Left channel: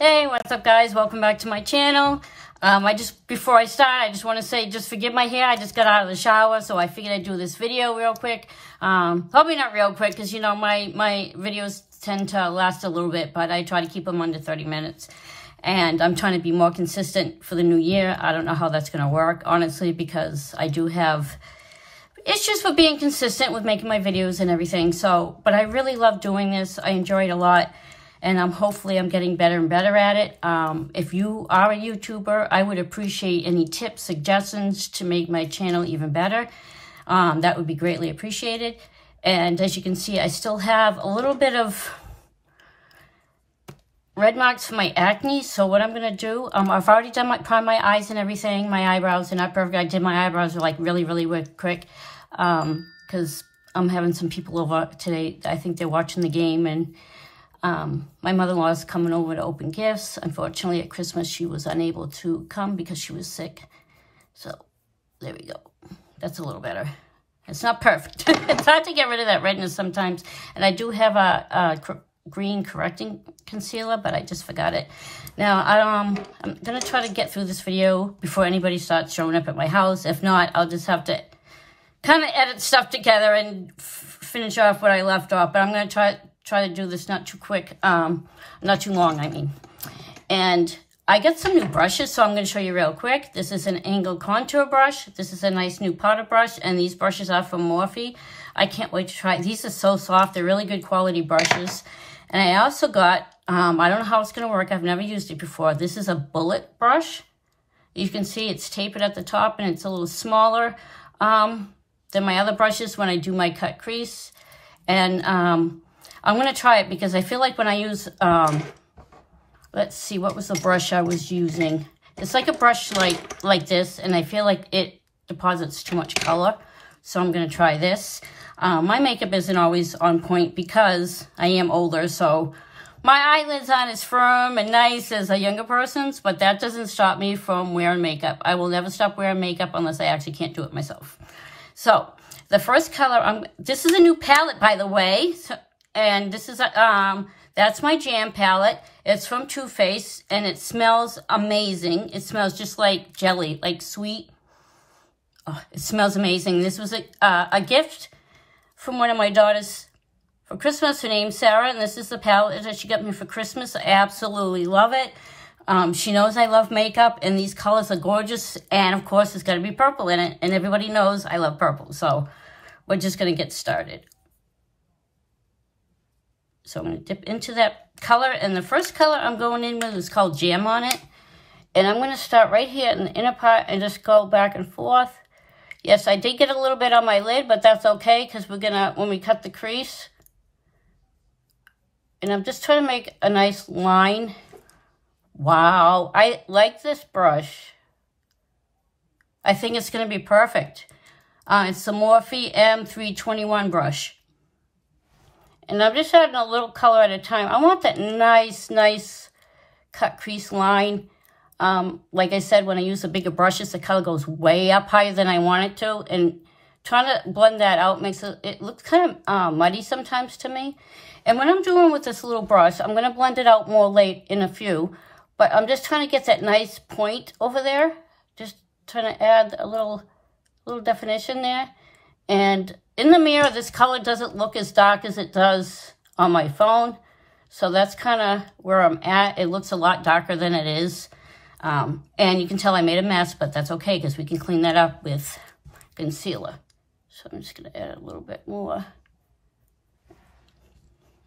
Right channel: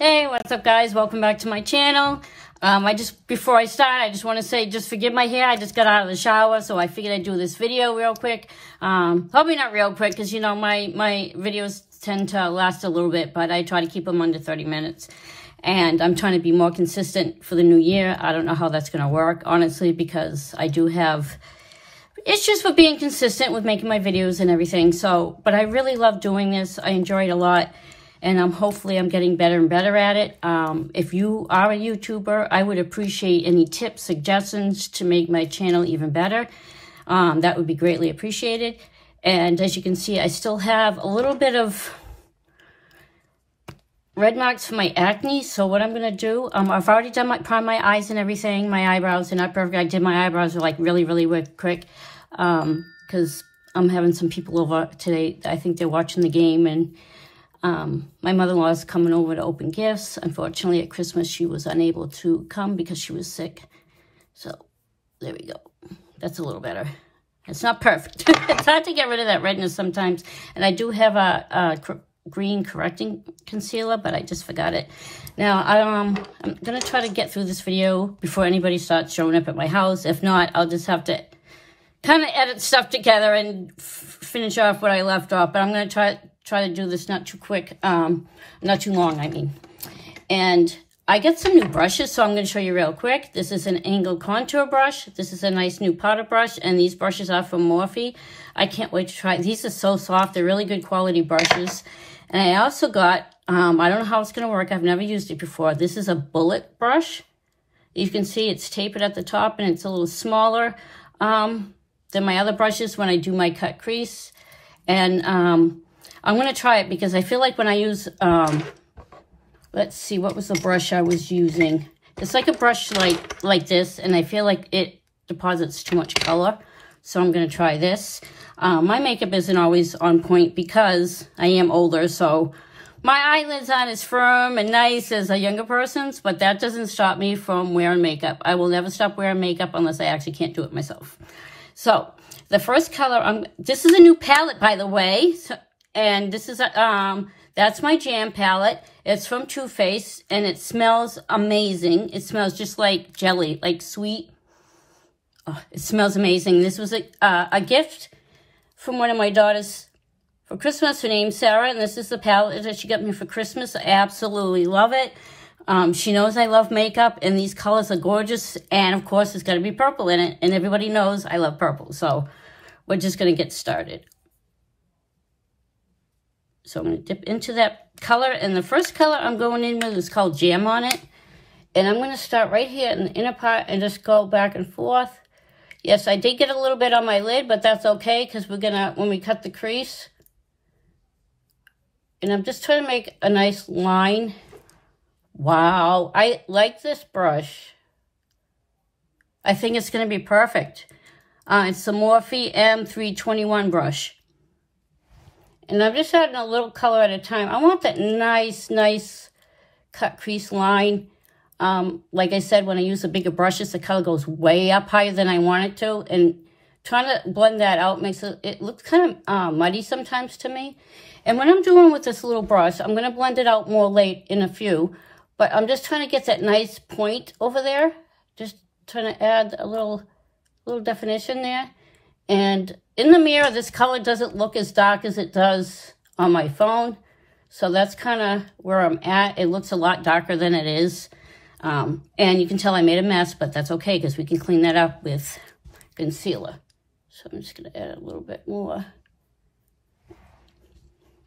Hey, what's up guys? Welcome back to my channel. Before I start, I just want to say, just forgive my hair. I just got out of the shower, so I figured I'd do this video real quick. Probably not real quick, because you know, my videos tend to last a little bit, but I try to keep them under 30 minutes. And I'm trying to be more consistent for the new year. I don't know how that's going to work, honestly, because I do have issues with being consistent with making my videos and everything. So, but I really love doing this. I enjoy it a lot. And hopefully I'm getting better and better at it. If you are a YouTuber, I would appreciate any tips, suggestions to make my channel even better. That would be greatly appreciated. And as you can see, I still have a little bit of red marks for my acne. So what I'm going to do, I've already done my eyes and everything. My eyebrows are not perfect. I did my eyebrows like really quick because I'm having some people over today. I think they're watching the game, and my mother-in-law is coming over to open gifts. Unfortunately, at Christmas, she was unable to come because she was sick. So, there we go. That's a little better. It's not perfect. It's hard to get rid of that redness sometimes. And I do have a green correcting concealer, but I just forgot it. Now, I'm going to try to get through this video before anybody starts showing up at my house. If not, I'll just have to kind of edit stuff together and finish off what I left off. But I'm going to try to do this not too quick, not too long, I mean. And I got some new brushes, so I'm going to show you real quick. This is an angle contour brush. This is a nice new powder brush, and these brushes are from Morphe. I can't wait to try. These are so soft. They're really good quality brushes. And I also got, I don't know how it's going to work. I've never used it before. This is a bullet brush. You can see it's tapered at the top, and it's a little smaller than my other brushes when I do my cut crease. And I'm going to try it because I feel like when I use, let's see, what was the brush I was using? It's like a brush like this, and I feel like it deposits too much color. So I'm going to try this. My makeup isn't always on point because I am older, so my eyelids aren't as firm and nice as a younger person's, but that doesn't stop me from wearing makeup. I will never stop wearing makeup unless I actually can't do it myself. So the first color, this is a new palette, by the way. And this is, that's my Jam palette. It's from Too Faced, and it smells amazing. It smells just like jelly, like sweet. Oh, it smells amazing. This was a gift from one of my daughters for Christmas. Her name's Sarah, and this is the palette that she got me for Christmas. I absolutely love it. She knows I love makeup, and these colors are gorgeous. And, of course, it's got to be purple in it, and everybody knows I love purple. So we're just going to get started. So I'm going to dip into that color. And the first color I'm going in with is called Jam on it. And I'm going to start right here in the inner part and just go back and forth. Yes, I did get a little bit on my lid, but that's okay because we're going to, when we cut the crease. And I'm just trying to make a nice line. Wow, I like this brush. I think it's going to be perfect. It's the Morphe M321 brush. And I'm just adding a little color at a time. I want that nice cut crease line. Like I said, when I use the bigger brushes, the color goes way up higher than I want it to. And trying to blend that out makes it look kind of muddy sometimes to me. And when I'm doing with this little brush, I'm going to blend it out more late in a few. But I'm just trying to get that nice point over there. Just trying to add a little definition there. And in the mirror, this color doesn't look as dark as it does on my phone. So that's kind of where I'm at. It looks a lot darker than it is. And you can tell I made a mess, but that's okay because we can clean that up with concealer. So I'm just going to add a little bit more.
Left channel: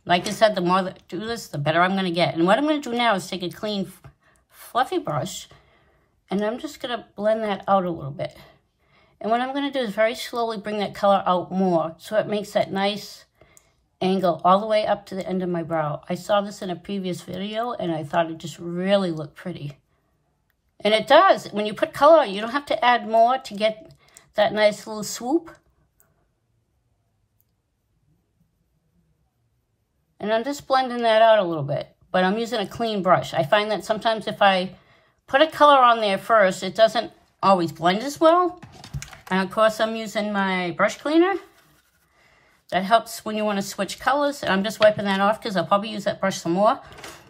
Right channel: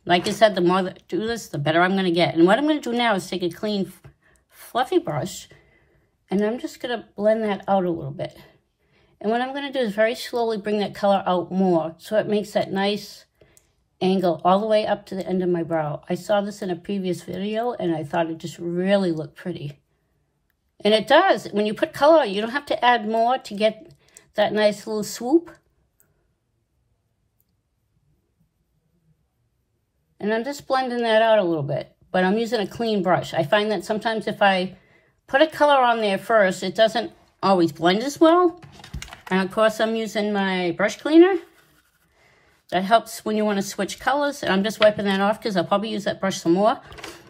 Like I said, the more that I do this, the better I'm going to get. And what I'm going to do now is take a clean, fluffy brush, and I'm just going to blend that out a little bit. And what I'm going to do is very slowly bring that color out more so it makes that nice angle all the way up to the end of my brow. I saw this in a previous video, and I thought it just really looked pretty. And it does. When you put color, you don't have to add more to get that nice little swoop. And I'm just blending that out a little bit. But I'm using a clean brush. I find that sometimes if I put a color on there first, it doesn't always blend as well. And of course, I'm using my brush cleaner. That helps when you want to switch colors. And I'm just wiping that off because I'll probably use that brush some more.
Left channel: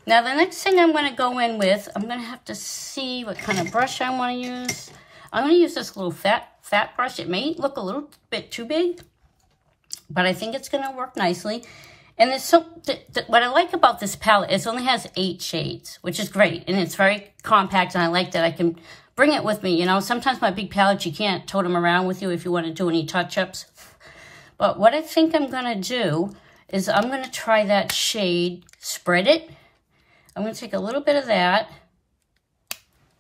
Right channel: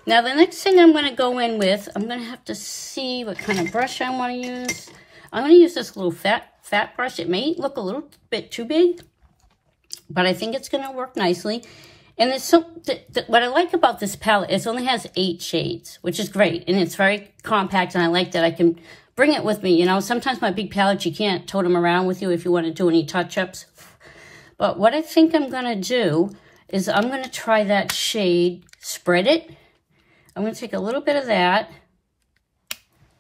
Now, the next thing I'm going to go in with, I'm going to have to see what kind of brush I want to use. I'm going to use this little fat brush. It may look a little bit too big, but I think it's going to work nicely. And it's what I like about this palette is it only has 8 shades, which is great. And it's very compact, and I like that I can bring it with me. You know, sometimes my big palettes, you can't tote them around with you if you want to do any touch-ups. But what I think I'm going to do is I'm going to try that shade, Spread It. I'm going to take a little bit of that.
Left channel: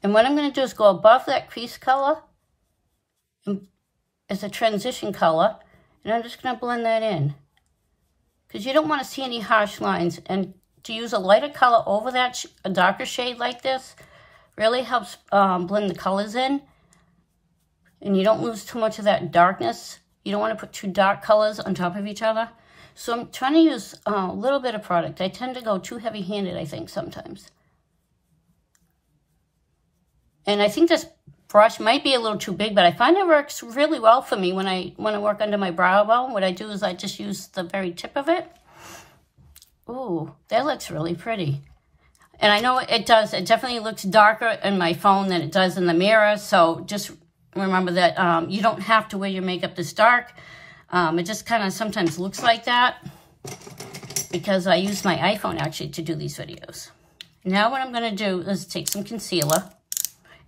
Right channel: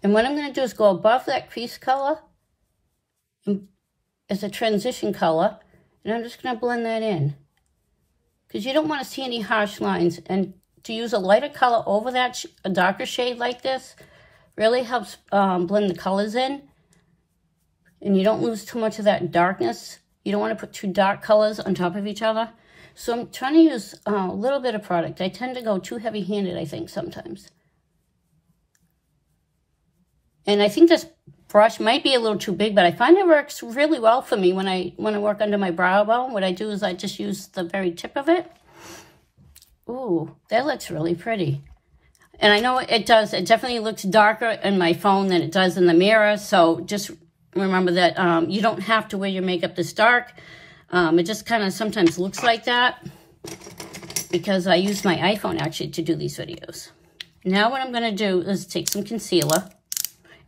And what I'm going to do is go above that crease color as a transition color. And I'm just going to blend that in. Because you don't want to see any harsh lines. And to use a lighter color over that, a darker shade like this, really helps blend the colors in. And you don't lose too much of that darkness. You don't want to put 2 dark colors on top of each other. So I'm trying to use a little bit of product. I tend to go too heavy-handed, I think, sometimes. And I think this brush might be a little too big, but I find it works really well for me when I work under my brow bone. What I do is I just use the very tip of it. Ooh, that looks really pretty. And I know it does. It definitely looks darker in my phone than it does in the mirror. So just remember that you don't have to wear your makeup this dark. It just kind of sometimes looks like that because I use my iPhone actually to do these videos. Now what I'm going to do is take some concealer,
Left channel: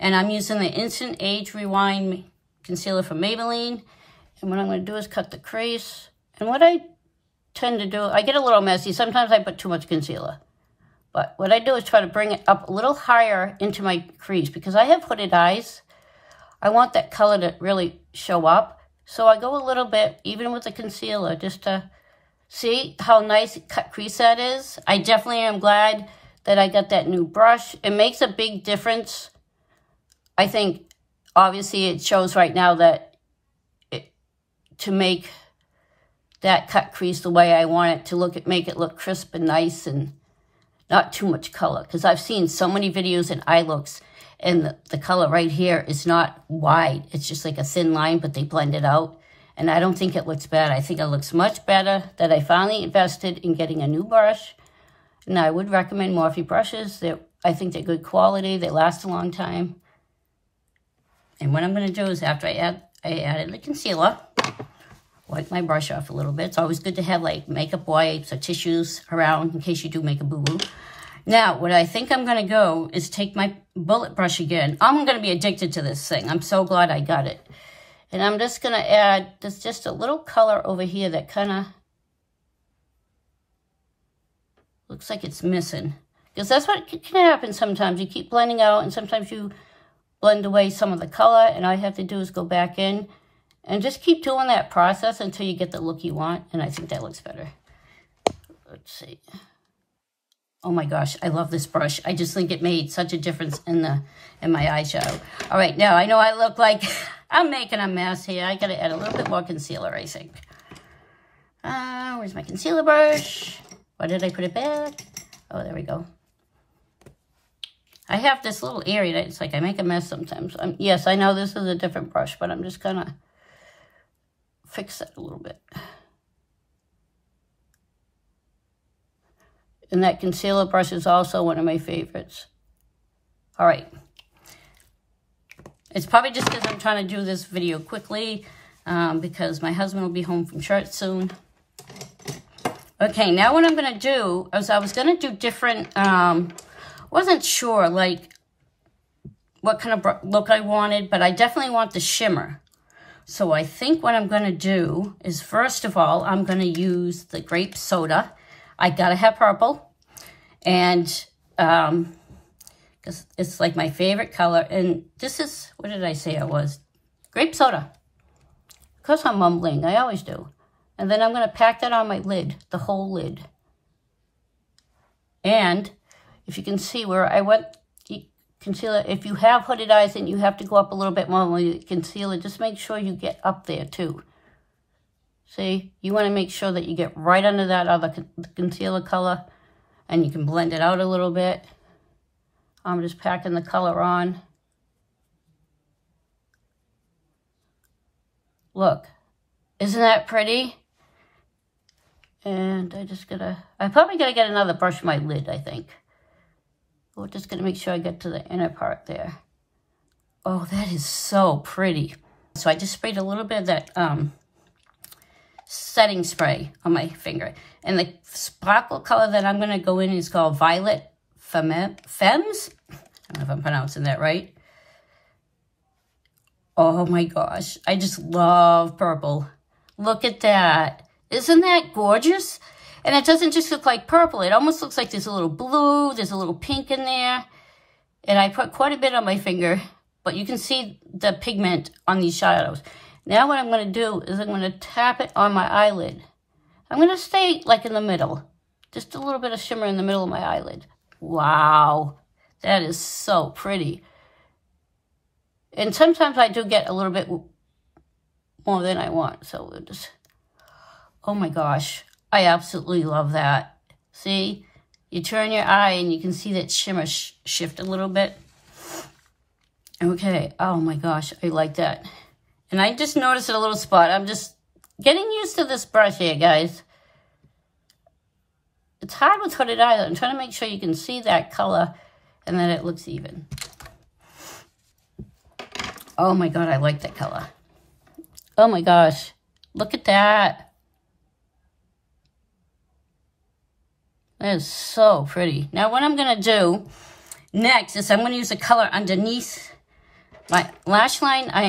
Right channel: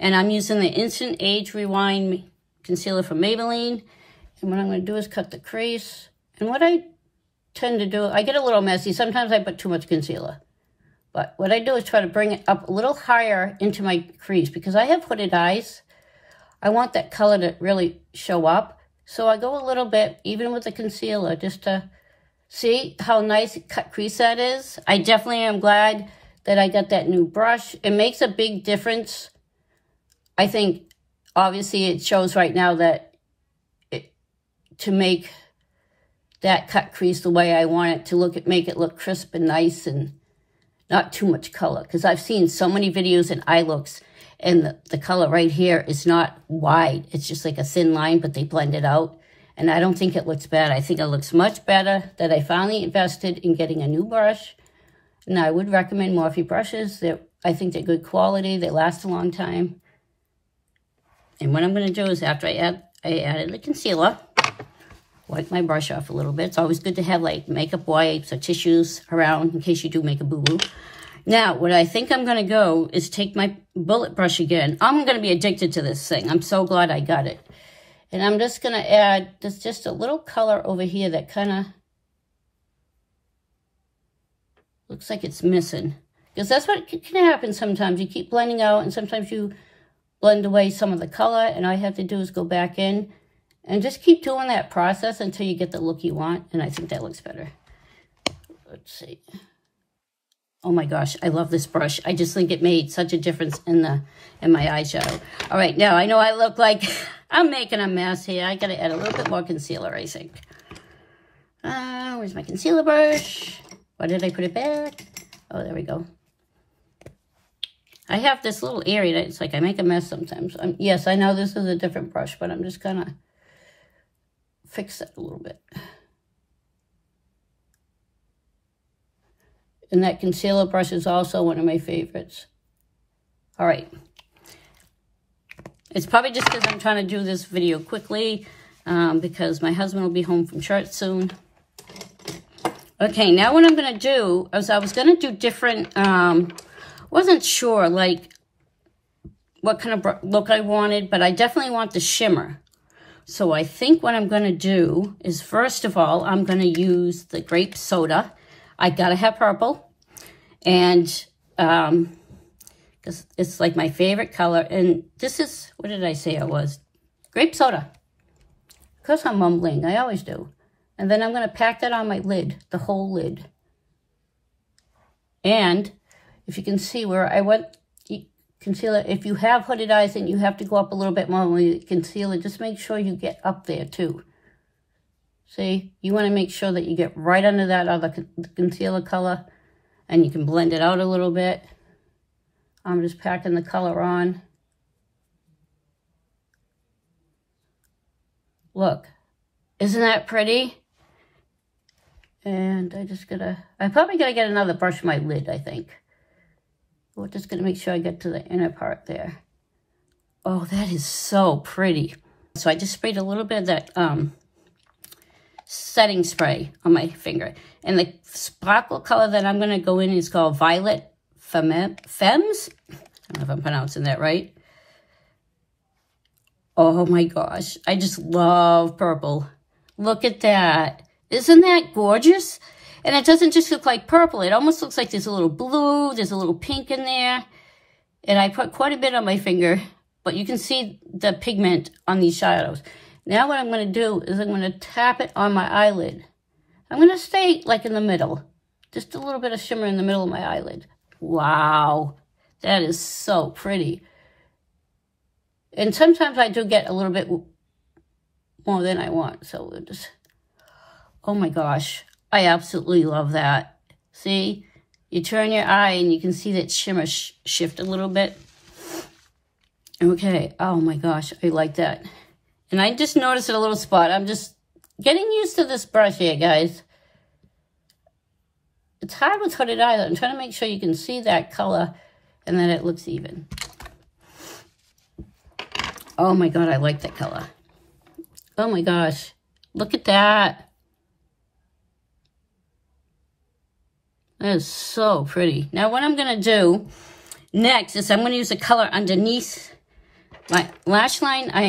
and I'm using the Instant Age Rewind concealer from Maybelline. And what I'm going to do is cut the crease. And what I tend to do, I get a little messy. Sometimes I put too much concealer. But what I do is try to bring it up a little higher into my crease because I have hooded eyes. I want that color to really show up. So I go a little bit, even with the concealer, just to see how nice cut crease that is. I definitely am glad that I got that new brush. It makes a big difference. I think, obviously, it shows right now that to make that cut crease the way I want it to look, make it look crisp and nice and not too much color. Because I've seen so many videos in eye looks, and the color right here is not wide. It's just like a thin line, but they blend it out. And I don't think it looks bad. I think it looks much better that I finally invested in getting a new brush. And I would recommend Morphe Brushes. I think they're good quality. They last a long time. And what I'm going to do is after I added the concealer, wipe my brush off a little bit. It's always good to have like makeup wipes or tissues around in case you do make a boo-boo. Now, what I think I'm going to go is take my bullet brush again. I'm going to be addicted to this thing. I'm so glad I got it. And I'm just going to add just a little color over here that kind of looks like it's missing. Because that's what can happen sometimes. You keep blending out, and sometimes you blend away some of the color. And all you have to do is go back in and just keep doing that process until you get the look you want. And I think that looks better. Let's see. Oh my gosh, I love this brush. I just think it made such a difference in my eyeshadow. All right, now I know I look like I'm making a mess here. I gotta add a little bit more concealer, I think. Where's my concealer brush? Why did I put it back? Oh, there we go. I have this little area that it's like I make a mess sometimes. Yes, I know this is a different brush, but I'm just gonna fix it a little bit. And that concealer brush is also one of my favorites. All right. It's probably just because I'm trying to do this video quickly because my husband will be home from church soon. Okay, now what I'm going to do is I was going to do different, wasn't sure like what kind of look I wanted, but I definitely want the shimmer. So I think what I'm going to do is, first of all, I'm going to use the grape soda. I gotta have purple, and because it's like my favorite color. And this is, what did I say it was? Grape soda. Because I'm mumbling, I always do. And then I'm gonna pack that on my lid, the whole lid. And if you can see where I went concealer, if you have hooded eyes and you have to go up a little bit more with the concealer, just make sure you get up there too. See, you want to make sure that you get right under that other concealer color, and you can blend it out a little bit. I'm just packing the color on. Look, isn't that pretty? And I'm probably gonna get another brush on my lid, I think. We're just going to make sure I get to the inner part there. Oh, that is so pretty. So I just sprayed a little bit of that setting spray on my finger. And the sparkle color that I'm going to go in is called Violet Femmes. I don't know if I'm pronouncing that right. Oh my gosh. I just love purple. Look at that. Isn't that gorgeous? And it doesn't just look like purple. It almost looks like there's a little blue. There's a little pink in there. And I put quite a bit on my finger. But you can see the pigment on these shadows. Now what I'm going to do is I'm going to tap it on my eyelid. I'm going to stay like in the middle. Just a little bit of shimmer in the middle of my eyelid. Wow. That is so pretty. And sometimes I do get a little bit more than I want. So we'll just... Oh my gosh. I absolutely love that. See? You turn your eye and you can see that shimmer shift a little bit. Okay. Oh my gosh. I like that. And I just noticed a little spot. I'm just getting used to this brush here, guys. It's hard with hooded eyes. I'm trying to make sure you can see that color and that it looks even. Oh my God, I like that color. Oh my gosh. Look at that. That is so pretty. Now what I'm going to do next is I'm going to use a color underneath my lash line. I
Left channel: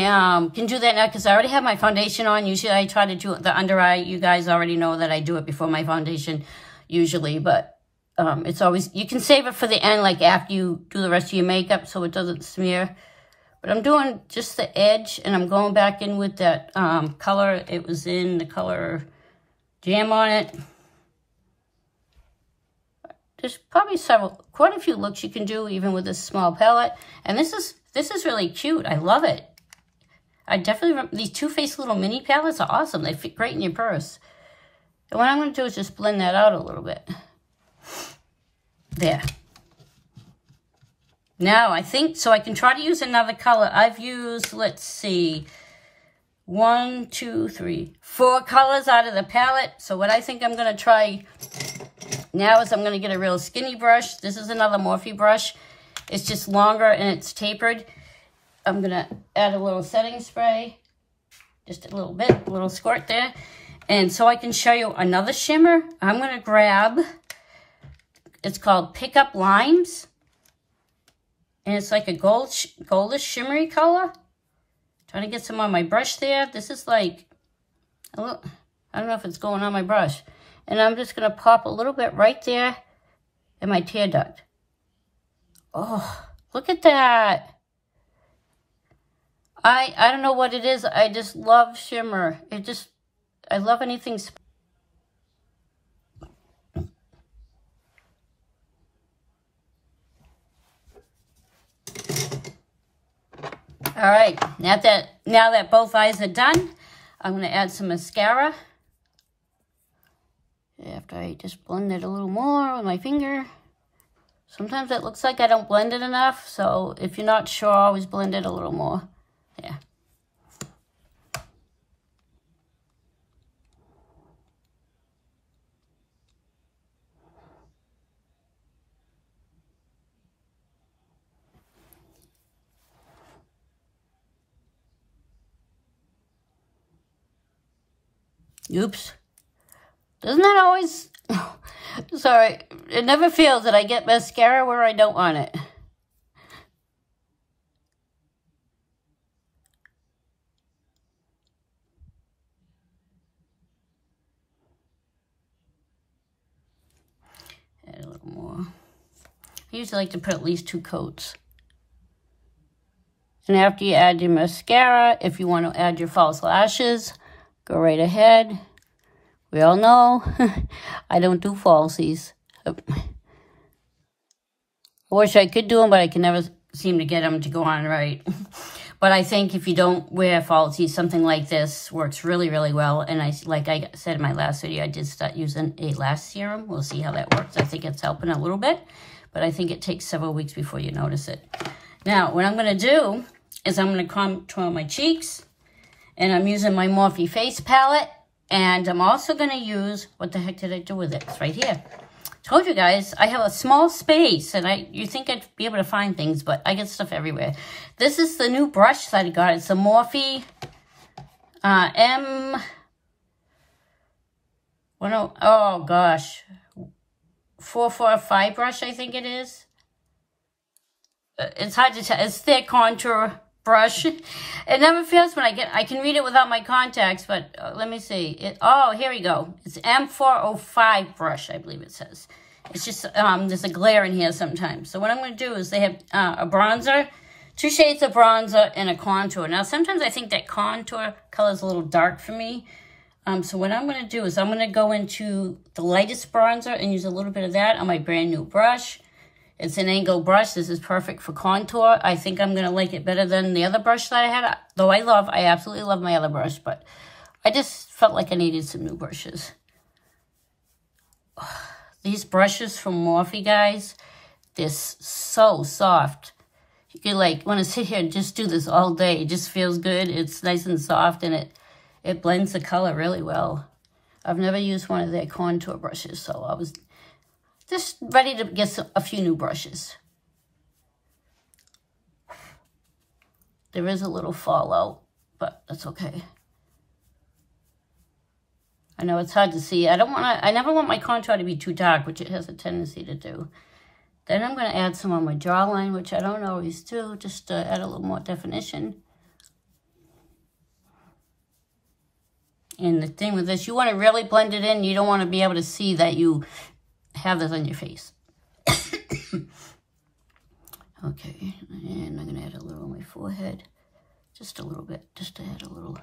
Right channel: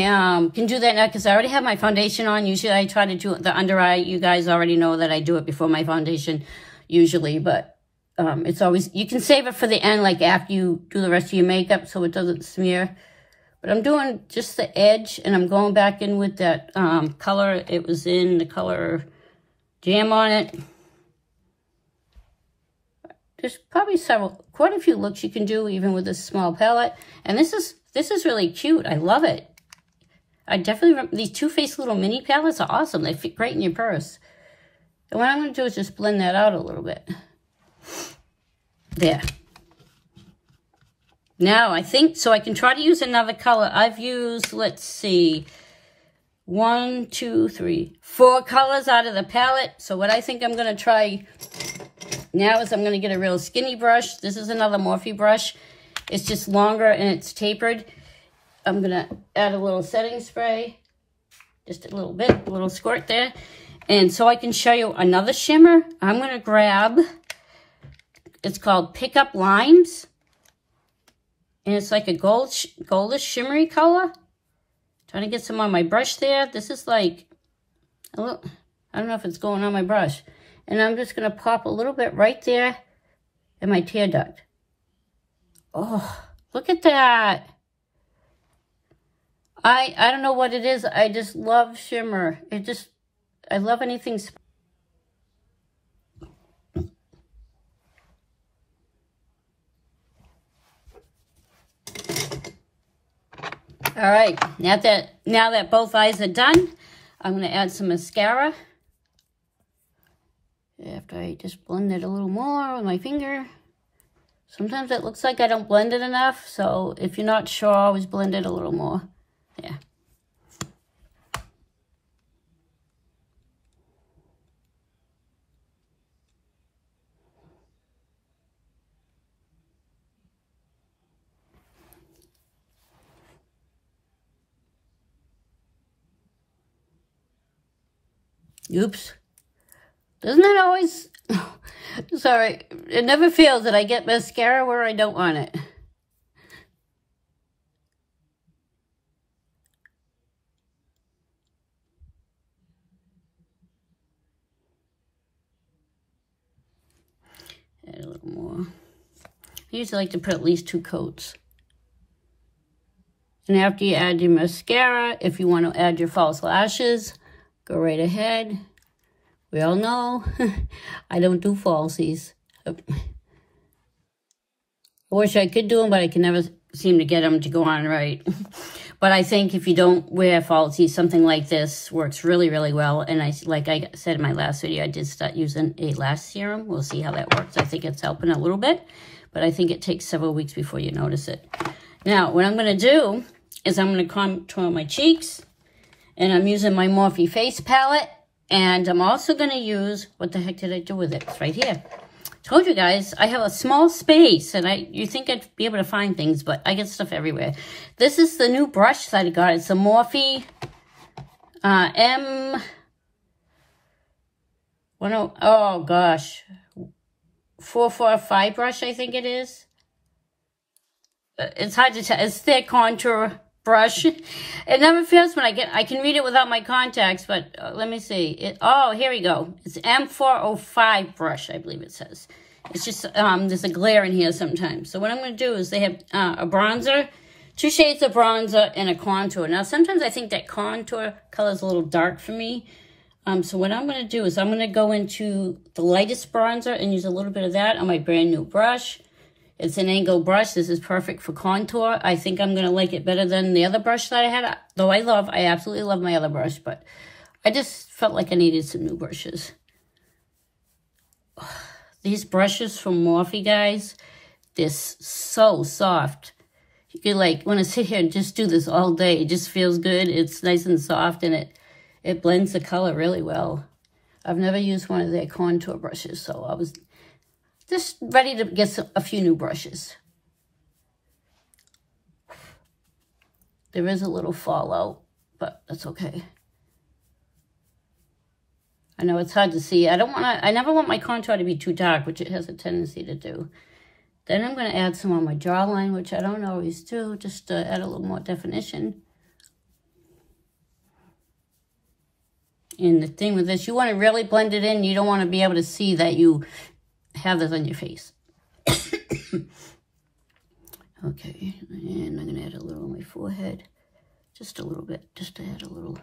can do that now because I already have my foundation on. Usually I try to do the under eye. You guys already know that I do it before my foundation usually. But it's always, you can save it for the end, like after you do the rest of your makeup so it doesn't smear. But I'm doing just the edge and I'm going back in with that color. It was in the color Jam on it. There's probably quite a few looks you can do even with this small palette. And this is really cute. I love it. I definitely, these Too Faced little mini palettes are awesome. They fit great in your purse. And what I'm going to do is just blend that out a little bit. There. Now, I think, so I can try to use another color. I've used, let's see, 1, 2, 3, 4 colors out of the palette. So what I think I'm going to try now is I'm going to get a real skinny brush. This is another Morphe brush. It's just longer and it's tapered. I'm going to add a little setting spray. Just a little bit, a little squirt there. And so I can show you another shimmer. I'm going to grab, it's called Pick Up Limes. And it's like a goldish shimmery color. Trying to get some on my brush there. This is like, I don't know if it's going on my brush. And I'm just going to pop a little bit right there in my tear duct. Oh, look at that. I don't know what it is. I just love shimmer. I love anything. All right, now that both eyes are done, I'm going to add some mascara. After I just blend it a little more with my finger. Sometimes it looks like I don't blend it enough, so if you're not sure, always blend it a little more. Yeah. Oops. Doesn't that always... Sorry. It never fails that I get mascara where I don't want it. Add a little more. I usually like to put at least 2 coats. And after you add your mascara, if you want to add your false lashes, go right ahead. We all know I don't do falsies. I wish I could do them, but I can never seem to get them to go on right. But I think if you don't wear falsies, something like this works really, really well. And like I said in my last video, I did start using a lash serum. We'll see how that works. I think it's helping a little bit, but I think it takes several weeks before you notice it. Now, what I'm going to do is I'm going to contour my cheeks, and I'm using my Morphe Face palette. And I'm also going to use, what the heck did I do with it? It's right here. Told you guys, I have a small space, and you think I'd be able to find things, but I get stuff everywhere. This is the new brush that I got. It's a Morphe oh gosh, 445 brush, I think it is. It's hard to tell. It's their contour brush. It never fails when I can read it without my contacts, but let me see. Oh, here we go. It's M405 brush, I believe it says. It's just, there's a glare in here sometimes. So what I'm going to do is they have a bronzer, 2 shades of bronzer, and a contour. Now, sometimes I think that contour color is a little dark for me. So what I'm going to do is I'm going to go into the lightest bronzer and use a little bit of that on my brand new brush. It's an angled brush. This is perfect for contour. I think I'm going to like it better than the other brush that I had. Though I absolutely love my other brush, but I just felt like I needed some new brushes. These brushes from Morphe, guys, they're so soft. You could like want to sit here and just do this all day. It just feels good. It's nice and soft, and it blends the color really well. I've never used one of their contour brushes, so I was just ready to get a few new brushes. There is a little fallout, but that's okay. I know it's hard to see. I never want my contour to be too dark, which it has a tendency to do. Then I'm going to add some on my jawline, which I don't always do, just to add a little more definition. And the thing with this, you want to really blend it in. You don't want to be able to see that you have this on your face. Okay, and I'm going to add a little on my forehead. Just a little bit, just to add a little.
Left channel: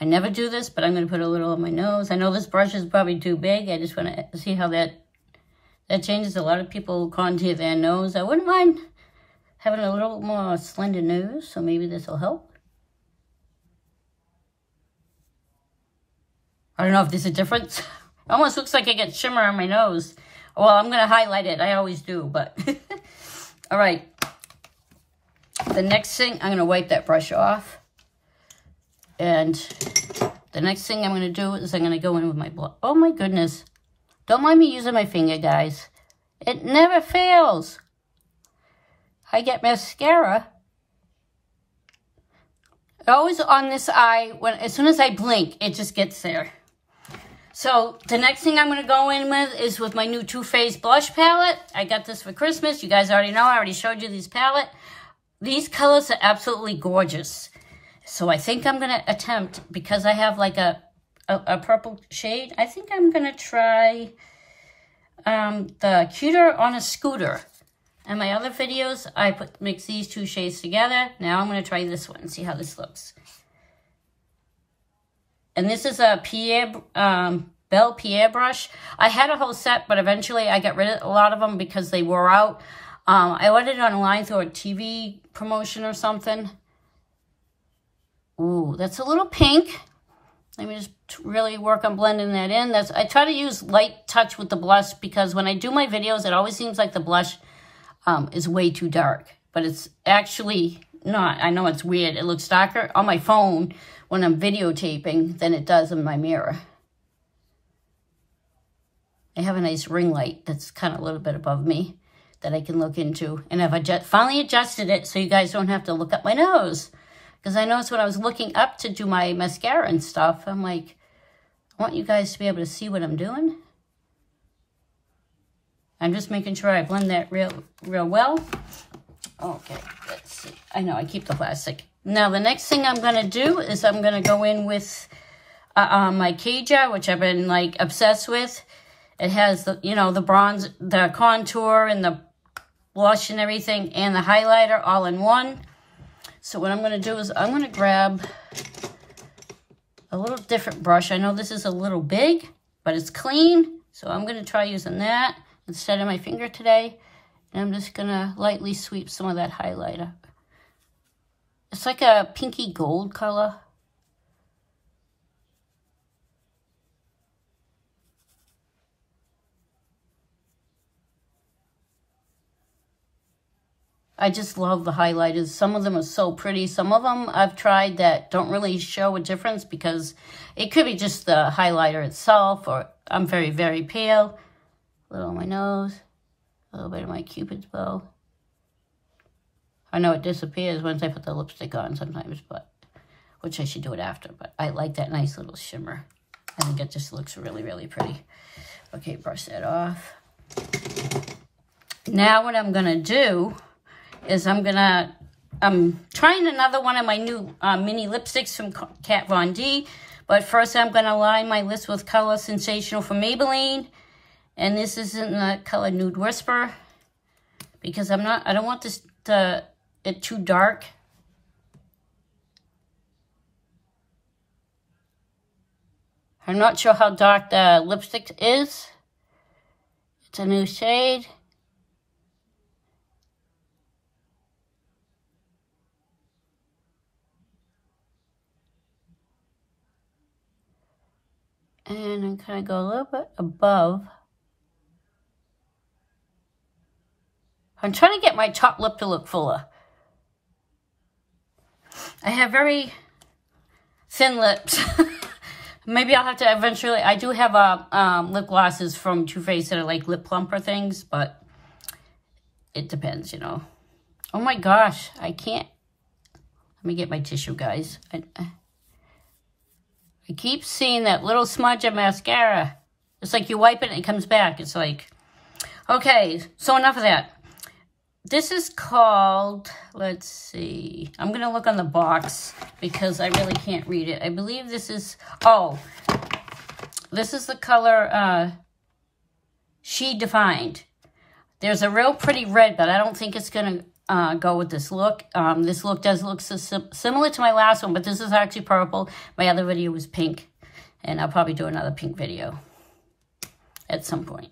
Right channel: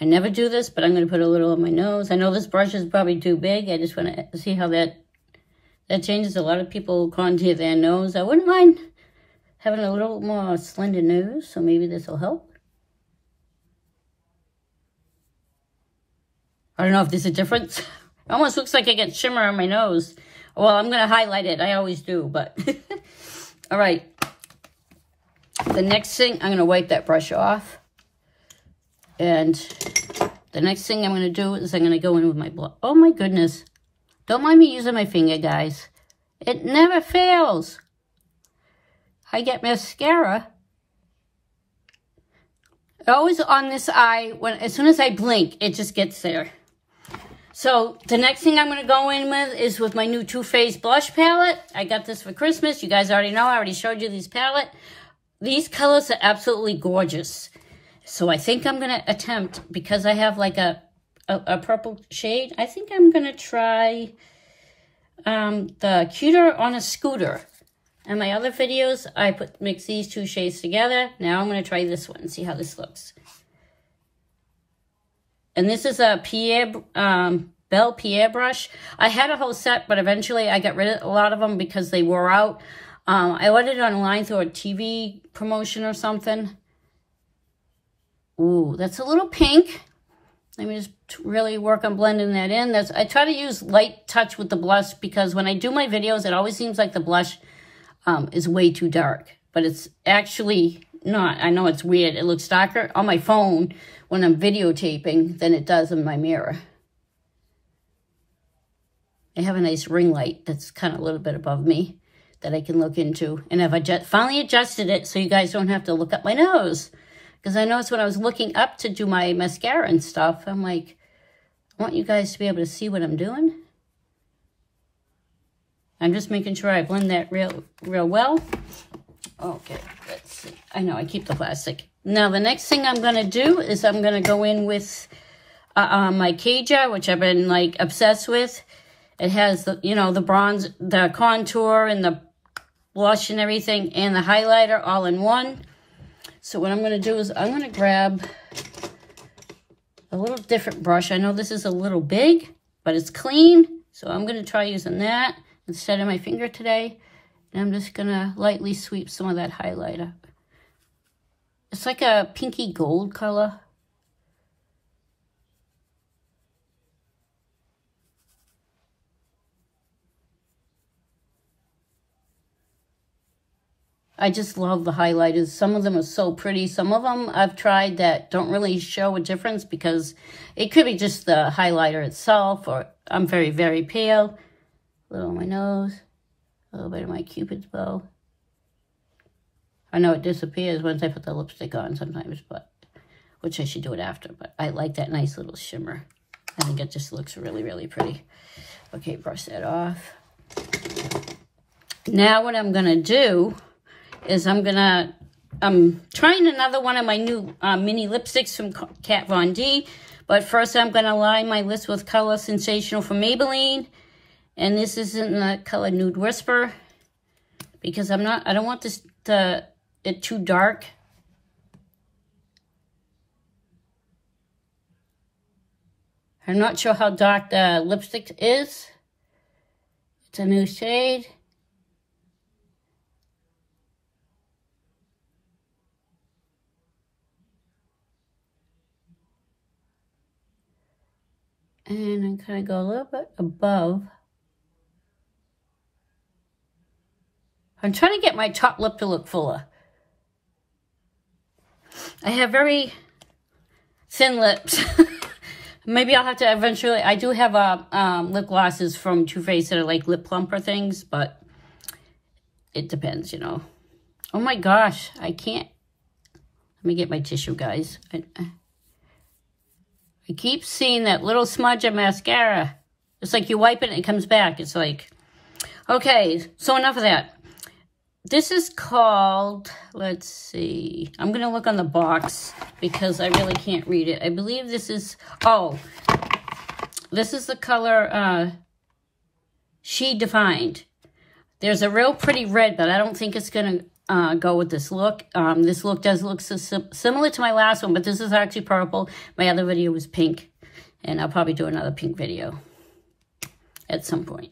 I never do this, but I'm going to put a little on my nose. I know this brush is probably too big. I just want to see how that changes. A lot of people contour their nose. I wouldn't mind having a little more slender nose, so maybe this will help. I don't know if there's a difference. It almost looks like I get shimmer on my nose. Well, I'm going to highlight it. I always do, but... All right. The next thing, I'm going to wipe that brush off. And the next thing I'm going to do is I'm going to go in with my blush. Oh, my goodness. Don't mind me using my finger, guys. It never fails. I get mascara. Always on this eye. As soon as I blink, it just gets there. So the next thing I'm going to go in with is with my new Too Faced blush palette. I got this for Christmas. You guys already know. I already showed you this palette. These colors are absolutely gorgeous. So I think I'm going to attempt, because I have like a purple shade, I think I'm going to try the Cuter on a Scooter. In my other videos, I mix these 2 shades together. Now I'm going to try this one and see how this looks. And this is a Belle Pierre brush. I had a whole set, but eventually I got rid of a lot of them because they wore out. I ordered it online through a TV promotion or something. Ooh, that's a little pink. Let me just really work on blending that in. I try to use light touch with the blush because when I do my videos, it always seems like the blush is way too dark. But it's actually not. I know it's weird. It looks darker on my phone when I'm videotaping than it does in my mirror. I have a nice ring light that's kind of a little bit above me that I can look into. And I've finally adjusted it so you guys don't have to look up my nose. Because I noticed when I was looking up to do my mascara and stuff, I'm like, I want you guys to be able to see what I'm doing. I'm just making sure I blend that real well. Okay, let's see. I know, I keep the plastic. Now, the next thing I'm going to do is I'm going to go in with my Kaja, which I've been, like, obsessed with. It has, the, you know, the bronze, the contour, and the blush and everything, and the highlighter all in one. So what I'm going to do is I'm going to grab a little different brush. I know this is a little big, but it's clean. So I'm going to try using that instead of my finger today. And I'm just going to lightly sweep some of that highlighter. It's like a pinky gold color. I just love the highlighters. Some of them are so pretty. Some of them I've tried that don't really show a difference because it could be just the highlighter itself, or I'm very, very pale. A little on my nose, a little bit of my Cupid's bow. I know it disappears once I put the lipstick on sometimes, but which I should do it after, but I like that nice little shimmer. I think it just looks really, really pretty. Okay, brush that off. Now what I'm gonna do is I'm trying another one of my new mini lipsticks from Kat Von D, but first I'm gonna line my lips with Color Sensational from Maybelline, and this is in the color Nude Whisper, because I don't want this it too dark. I'm not sure how dark the lipstick is. It's a new shade. And I'm kind of go a little bit above. I'm trying to get my top lip to look fuller. I have very thin lips. Maybe I'll have to eventually, I do have lip glosses from Too Faced that are like lip plumper things, but it depends, you know. Oh my gosh, I can't. Let me get my tissue, guys. I keep seeing that little smudge of mascara. It's like you wipe it and it comes back. It's like, okay, so enough of that. This is called, let's see. I'm going to look on the box because I really can't read it. I believe this is, oh, this is the color Shedefined. There's a real pretty red, but I don't think it's going to go with this look. This look does look similar to my last one, but this is actually purple. My other video was pink, and I'll probably do another pink video at some point.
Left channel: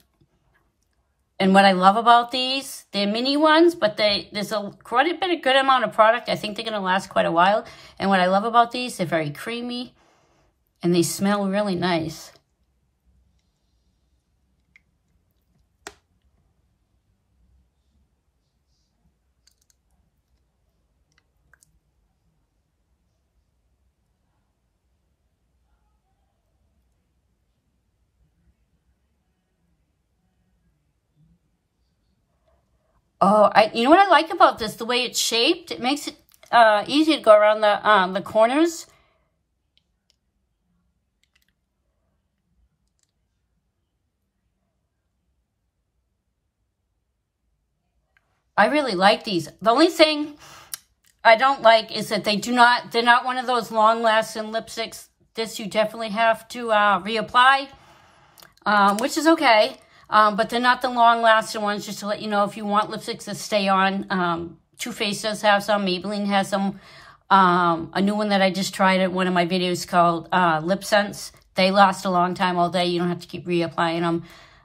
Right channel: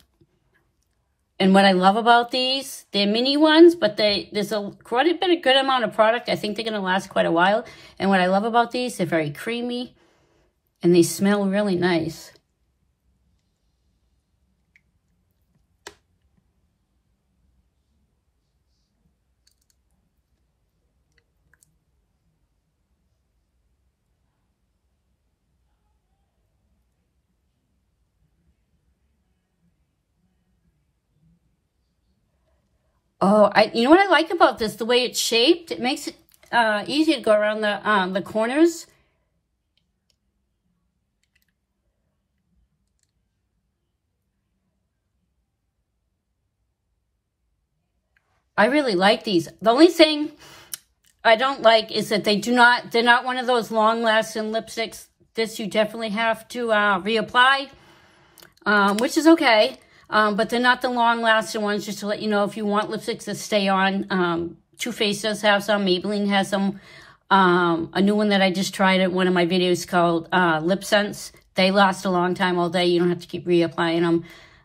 And what I love about these, they're mini ones, but there's quite a bit of good amount of product. I think they're going to last quite a while. And what I love about these, they're very creamy, and they smell really nice. Oh, you know what I like about this? The way it's shaped, it makes it easy to go around the corners. I really like these. The only thing I don't like is that they're not one of those long-lasting lipsticks. This you definitely have to reapply, which is okay. But they're not the long-lasting ones, just to let you know, if you want lipsticks that stay on. Too Faced does have some. Maybelline has some. A new one that I just tried at one of my videos called Lip Sense. They last a long time all day. You don't have to keep reapplying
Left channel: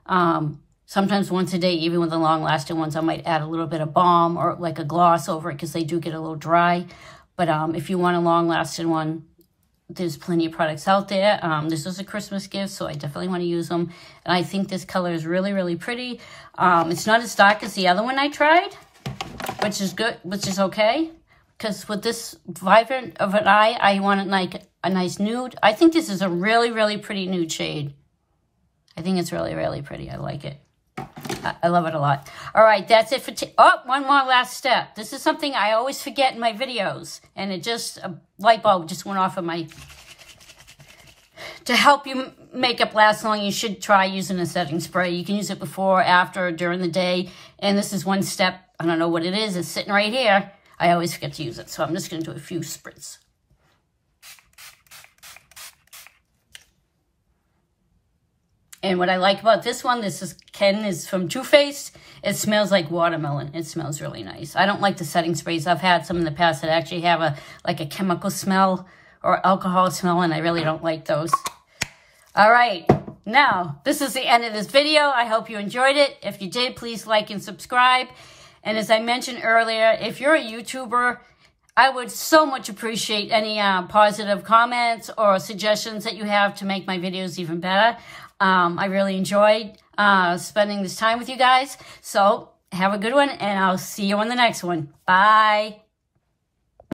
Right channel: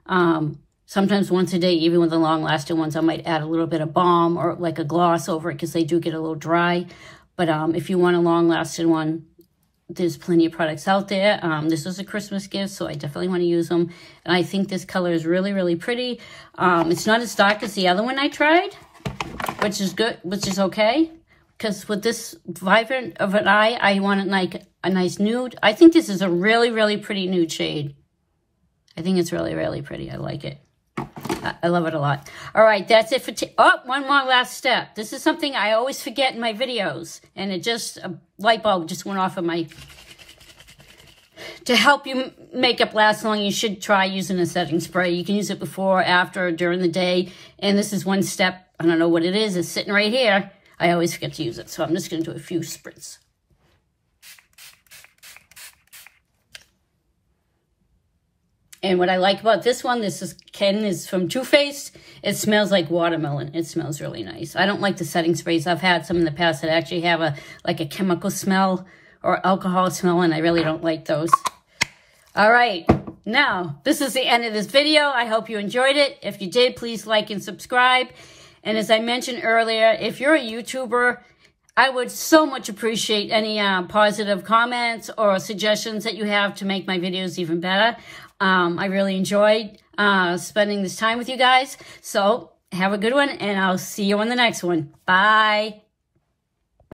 them. Sometimes once a day, even with the long-lasting ones, I might add a little bit of balm or like a gloss over it because they do get a little dry. But if you want a long-lasting one, there's plenty of products out there. This was a Christmas gift, so I definitely want to use them. And I think this color is really, really pretty. It's not as dark as the other one I tried, which is good, which is okay. Because with this vibrant of an eye, I want it like a nice nude. I think this is a really, really pretty nude shade. I think it's really, really pretty. I like it. I love it a lot. All right, that's it for one more last step. This is something I always forget in my videos, and it just, a light bulb just went off of my, to help your makeup last long, you should try using a setting spray. You can use it before, after, during the day, and this is one step. I don't know what it is. It's sitting right here. I always forget to use it, so I'm just going to do a few spritz. And what I like about this one, this is Ken is from Too Faced. It smells like watermelon. It smells really nice. I don't like the setting sprays. I've had some in the past that actually have like a chemical smell or alcohol smell, and I really don't like those. All right, now this is the end of this video. I hope you enjoyed it. If you did, please like and subscribe. And as I mentioned earlier, if you're a YouTuber, I would so much appreciate any positive comments or suggestions that you have to make my videos even better. I really enjoyed spending this time with you guys. So Have a good one, and I'll see you on the next one. Bye.